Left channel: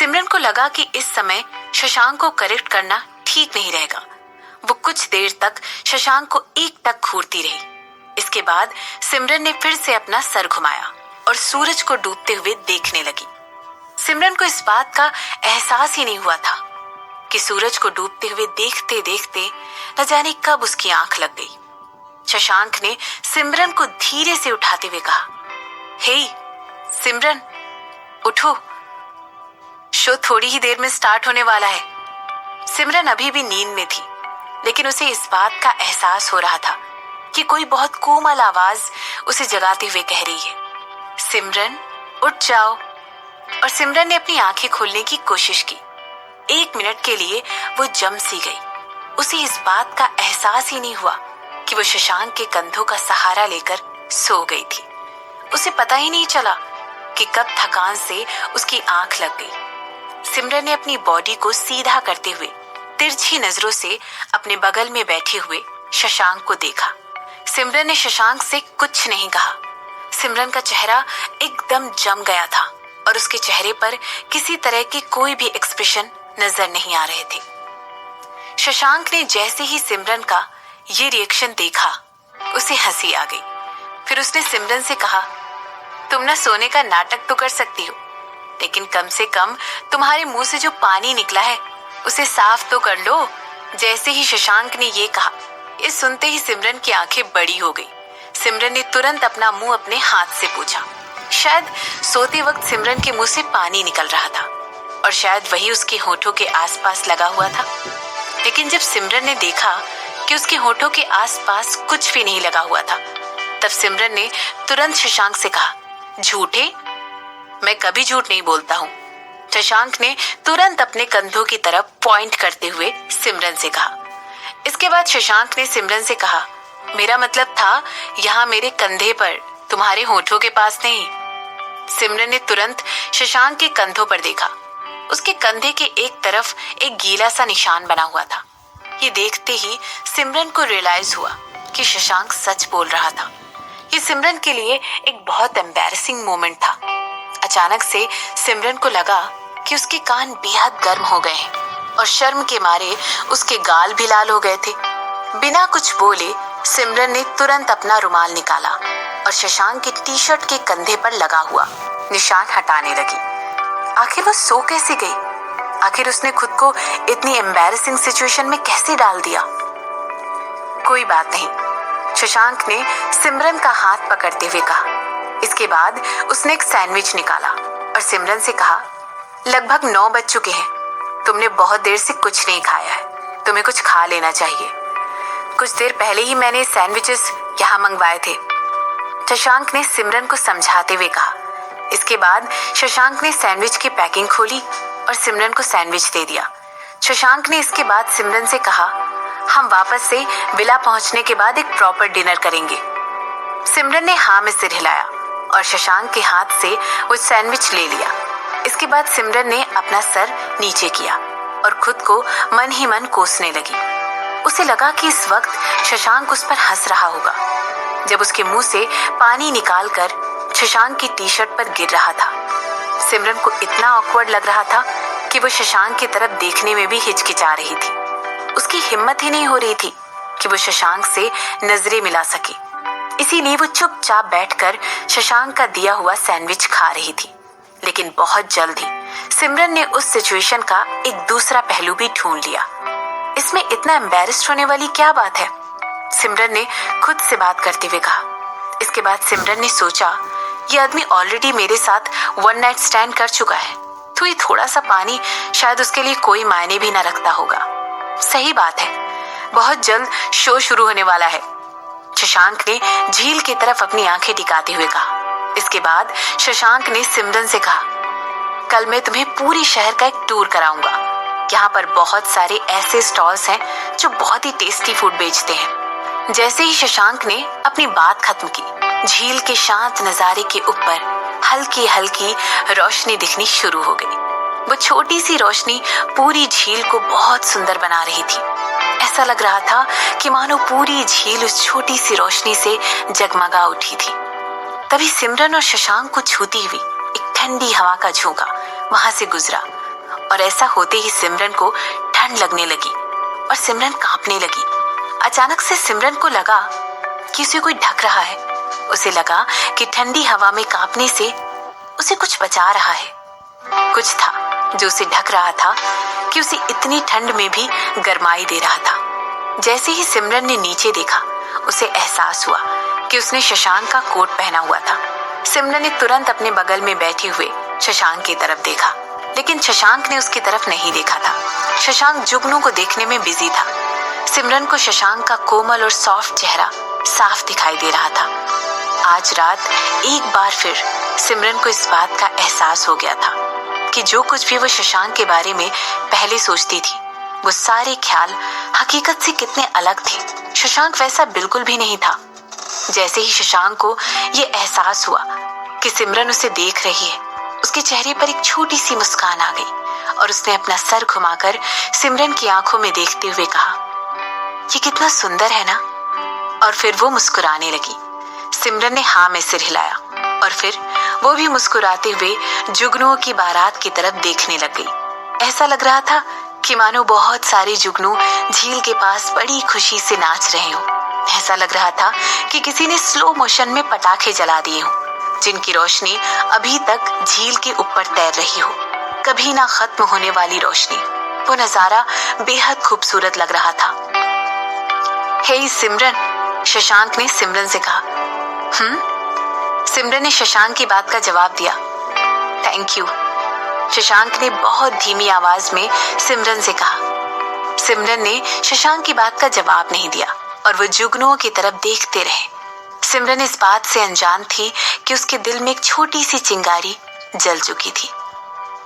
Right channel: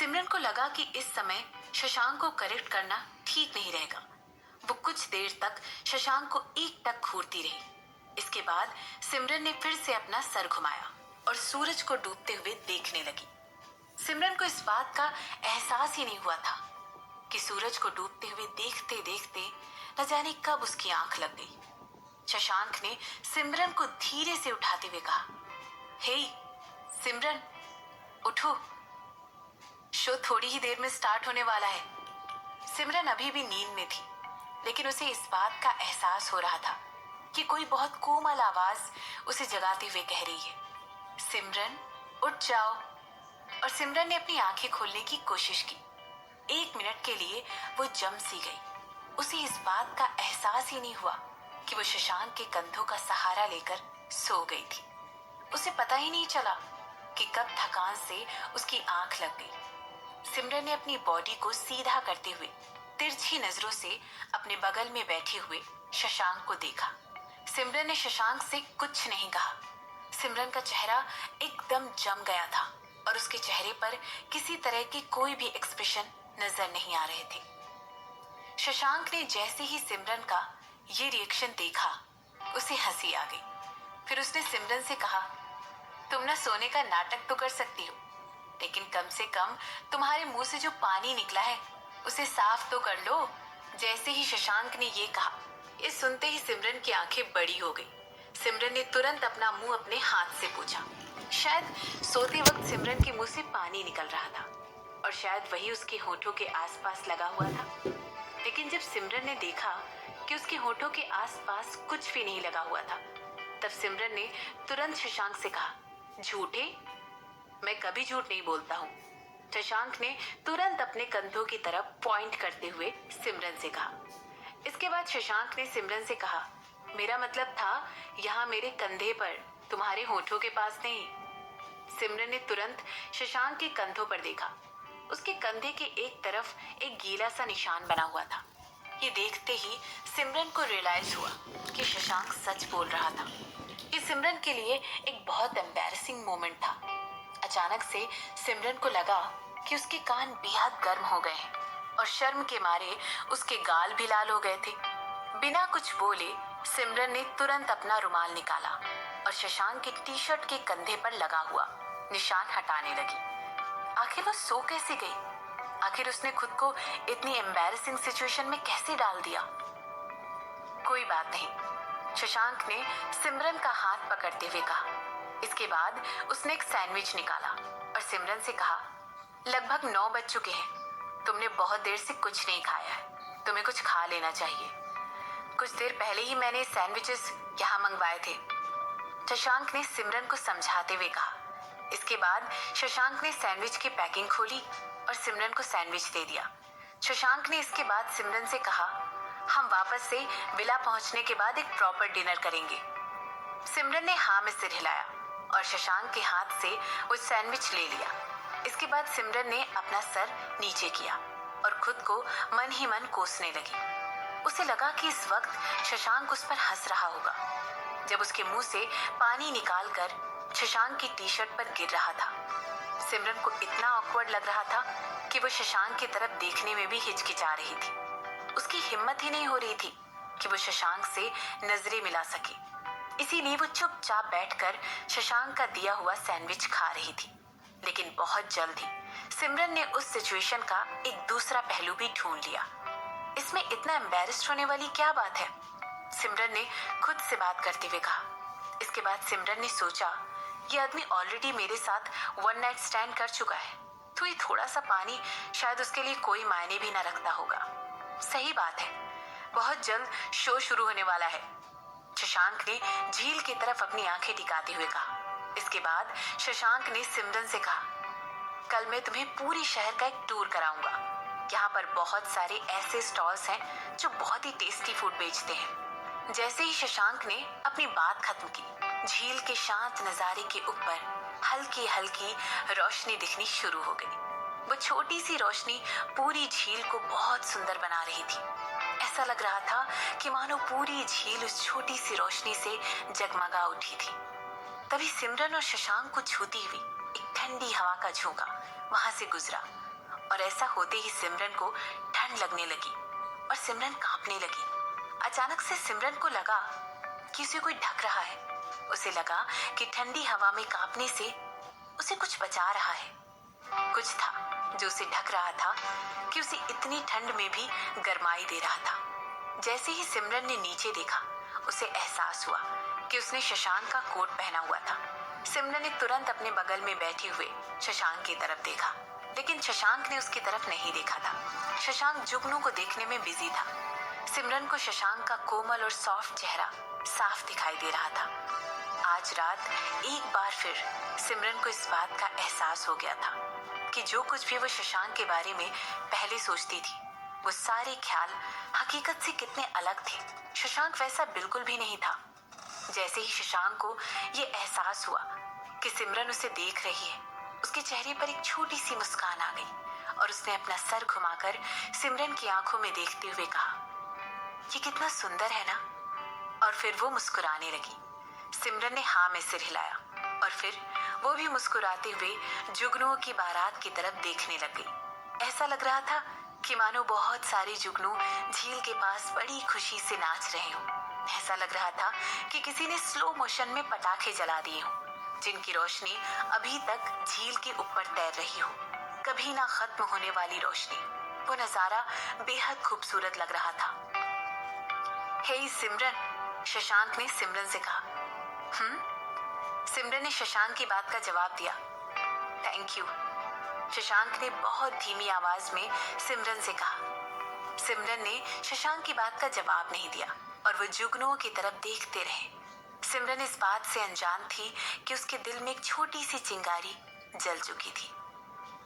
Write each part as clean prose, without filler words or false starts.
सिमरन को लगा कि इस समय शशांक को करेक्ट करना ठीक नहीं रहेगा। वो कुछ देर तक शशांक को एकटक घूरती रही। इसके बाद सिमरन ने फिर से अपना सर घुमाया और सूरज को डूबते हुए देखने लगी। सिमरन को इस बात का एहसास ही नहीं हुआ था कि सूरज को डूबते हुए देखते देखते न जाने कब उसकी आंख लग गई। शशांक ने सिमरन को धीरे से उठाते हुए कहा, हे सिमरन, उठो, शो थोड़ी ही देर में स्टार्ट होने वाला है। सिमरन अभी भी नींद में थी, लेकिन उसे इस बात का एहसास हो रहा था कि कोई बहुत कोमल आवाज उसे जगाते हुए कह रही है, सिमरन उठ जाओ। और सिमरन ने अपनी आंखें खोलने की कोशिश की। 1 मिनट के लिए वो जम सी गई। उसे इस बात का एहसास ही नहीं हुआ कि वो शशांक के कंधों का सहारा लेकर सो गई थी। उसे पता ही नहीं चला कि कब थकान से उसकी आंख लग गई। सिमरन ने अपनी बॉडी को सीधा करते हुए तिरछी नजरों से अपने बगल में बैठे हुए शशांक को देखा। सिमरन ने शशांक से कुछ नहीं कहा। सिमरन का चेहरा एकदम जम गया था और उसके चेहरे पर किसी तरह के कोई भी एक्सप्रेशन नजर नहीं आ रहे थे। शशांक ने जैसे ही सिमरन का ये रिएक्शन देखा, उसे हंसी आ गई। फिर उसने सिमरन से कहा, तुम ना सोने का नाटक तो कर सकती हो, लेकिन कम से कम तुम्हारे मुंह से जो पानी निकला है उसे साफ तो कर लो। जैसे ही शशांक ने ये कहा, ये सुनते ही सिमरन की आंखें बड़ी हो गई। सिमरन ने तुरंत अपना मुंह अपने हाथ से पोंछा। शायद सोते वक्त सिमरन के मुंह से पानी निकल रहा था और शायद वही उसके होठों के आसपास लगा हुआ था। लेकिन जब सिमरन ने देखा कि उसके होठों के आसपास कुछ भी नहीं लगा हुआ था, तब सिमरन ने तुरंत शशांक से कहा, झूठे, मैं कभी झूठ नहीं बोलता हूँ। शशांक ने तुरंत अपने कंधों की तरफ पॉइंट करते हुए सिमरन से कहा। इसके बाद शशांक ने सिमरन से कहा, मेरा मतलब था यहाँ मेरे कंधे पर, तुम्हारे होठों के पास नहीं। सिमरन ने तुरंत शशांक के कंधों पर देखा। उसके कंधे के एक तरफ एक गीला सा निशान बना हुआ था। ये देखते ही सिमरन को रियलाइज हुआ कि शशांक सच बोल रहा था। ये सिमरन के लिए एक बहुत एम्बैरेसिंग मोमेंट था। अचानक से सिमरन को लगा कि उसके कान बेहद गर्म हो गए हैं और शर्म के मारे उसके गाल भी लाल हो गए थे। बिना कुछ बोले सिमरन ने तुरंत अपना रुमाल निकाला और शशांक के टी-शर्ट के कंधे पर लगा हुआ निशान हटाने लगी। आखिर वो सो कैसे गई? आखिर उसने खुद को इतनी एम्बैरेसिंग सिचुएशन में कैसे डाल दिया? कोई बात नहीं, शशांक ने सिमरन का हाथ पकड़ते हुए कहा। इसके बाद उसने एक सैंडविच निकाला और सिमरन से कहा, लगभग 9 बज चुके हैं, तुमने बहुत देर से कुछ नहीं खाया है, तुम्हें कुछ खा लेना चाहिए। कुछ देर पहले ही मैंने सैंडविचेस यहाँ मंगवाए थे, शशांक ने सिमरन को समझाते हुए कहा। इसके बाद शशांक ने सैंडविच की पैकिंग खोली और सिमरन को सैंडविच दे दिया। शशांक ने इसके बाद सिमरन से कहा, हम वापस से विला पहुंचने के बाद एक प्रॉपर डिनर करेंगे। सिमरन ने हाँ में सिर हिलाया और शशांक के हाथ से वो सैंडविच ले लिया। इसके बाद सिमरन ने अपना सर नीचे किया और खुद को मन ही मन कोसने लगी। उसे लगा कि इस वक्त शशांक उस पर हंस रहा होगा जब उसके मुंह से पानी निकालकर शशांक की टी-शर्ट पर गिर रहा था। सिमरन को इतना ऑकवर्ड लग रहा था कि वो शशांक की तरफ देखने में भी हिचकिचा रही थी। उसकी हिम्मत ही नहीं हो रही थी कि वो शशांक से नजरें मिला सके। इसीलिए वो चुपचाप बैठकर शशांक का दिया हुआ सैंडविच खा रही थी। लेकिन बहुत जल्द ही सिमरन ने उस सिचुएशन का एक दूसरा पहलू भी ढूंढ लिया। इसमें इतना एम्बैरेस्ड होने वाली क्या बात है? सिमरन ने खुद से बात करते हुए कहा। इसके बाद सिमरन ने सोचा, ये आदमी ऑलरेडी मेरे साथ 1 नाइट स्टैंड कर चुका है, तो ये थोड़ा सा पानी शायद उसके लिए कोई मायने भी ना रखता होगा। सही बात है, बहुत जल्द शो शुरू होने वाला है। शशांक ने झील की तरफ अपनी आंखें टिकाते हुए कहा। इसके बाद शशांक ने सिमरन से कहा, कल मैं तुम्हें पूरी शहर का एक टूर कराऊंगा। यहाँ पर बहुत सारे ऐसे स्टॉल्स हैं जो बहुत ही टेस्टी फूड बेचते हैं। जैसे ही शशांक ने अपनी बात खत्म की, झील के शांत नजारे के ऊपर हल्की हल्की रोशनी दिखनी शुरू हो गई। वो छोटी सी रोशनी पूरी झील को बहुत सुंदर बना रही थी। ऐसा लग रहा था कि मानो पूरी झील उस छोटी सी रोशनी से जगमगा उठी थी। तभी सिमरन और शशांक को छूती हुई एक ठंडी हवा का झोंका वहां से गुजरा और ऐसा होते ही सिमरन को ठंड लगने लगी और सिमरन कांपने लगी। अचानक से सिमरन को लगा कि उसे कोई ढक रहा है। उसे लगा कि ठंडी हवा में कांपने से उसे कुछ बचा रहा है। कुछ था जो उसे ढक रहा था कि उसे इतनी ठंड में भी गर्माई दे रहा था। जैसे ही सिमरन ने नीचे देखा, उसे एहसास हुआ कि उसने शशांक का कोट पहना हुआ था। सिमरन ने तुरंत अपने बगल में बैठे हुए शशांक की तरफ देखा, लेकिन शशांक ने उसकी तरफ नहीं देखा था। शशांक जुगनू को देखने में बिजी था। सिमरन को शशांक का कोमल और सॉफ्ट चेहरा साफ दिखाई दे रहा था। आज रात एक बार फिर सिमरन को इस बात का एहसास हो गया था कि जो कुछ भी वो शशांक के बारे में पहले सोचती थी, वो सारे ख्याल हकीकत से कितने अलग थे। शशांक वैसा बिल्कुल भी नहीं था। जैसे ही शशांक को ये एहसास हुआ कि सिमरन उसे देख रही है, उसके चेहरे पर एक छोटी सी मुस्कान आ गई और उसने अपना सर घुमाकर सिमरन की आंखों में देखते हुए कहा, ये कितना सुंदर है ना। और फिर वो मुस्कुराने लगी। सिमरन ने हाँ में सिर हिलाया और फिर वो भी मुस्कुराते हुए जुगनुओं की बारात की तरफ देखने लग गई। ऐसा लग रहा था कि मानो बहुत सारे जुगनू झील के पास बड़ी खुशी से नाच रहे हों। ऐसा लग रहा था कि किसी ने स्लो मोशन में पटाखे जला दिए हों, जिनकी रोशनी अभी तक झील के ऊपर तैर रही हो, कभी ना खत्म होने वाली रोशनी। वो नजारा बेहद खूबसूरत लग रहा था। हे सिमरन, शशांक ने सिमरन से कहा। सिमरन ने शशांक की बात का जवाब दिया। थैंक यू, शशांक ने बहुत धीमी आवाज में सिमरन से कहा। सिमरन ने शशांक की बात का जवाब नहीं दिया और वो जुगनुओं की तरफ देखते रहे। सिमरन इस बात से अनजान थी कि उसके दिल में एक छोटी सी चिंगारी जल चुकी थी।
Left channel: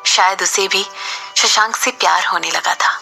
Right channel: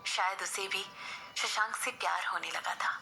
शायद उसे भी शशांक से प्यार होने लगा था।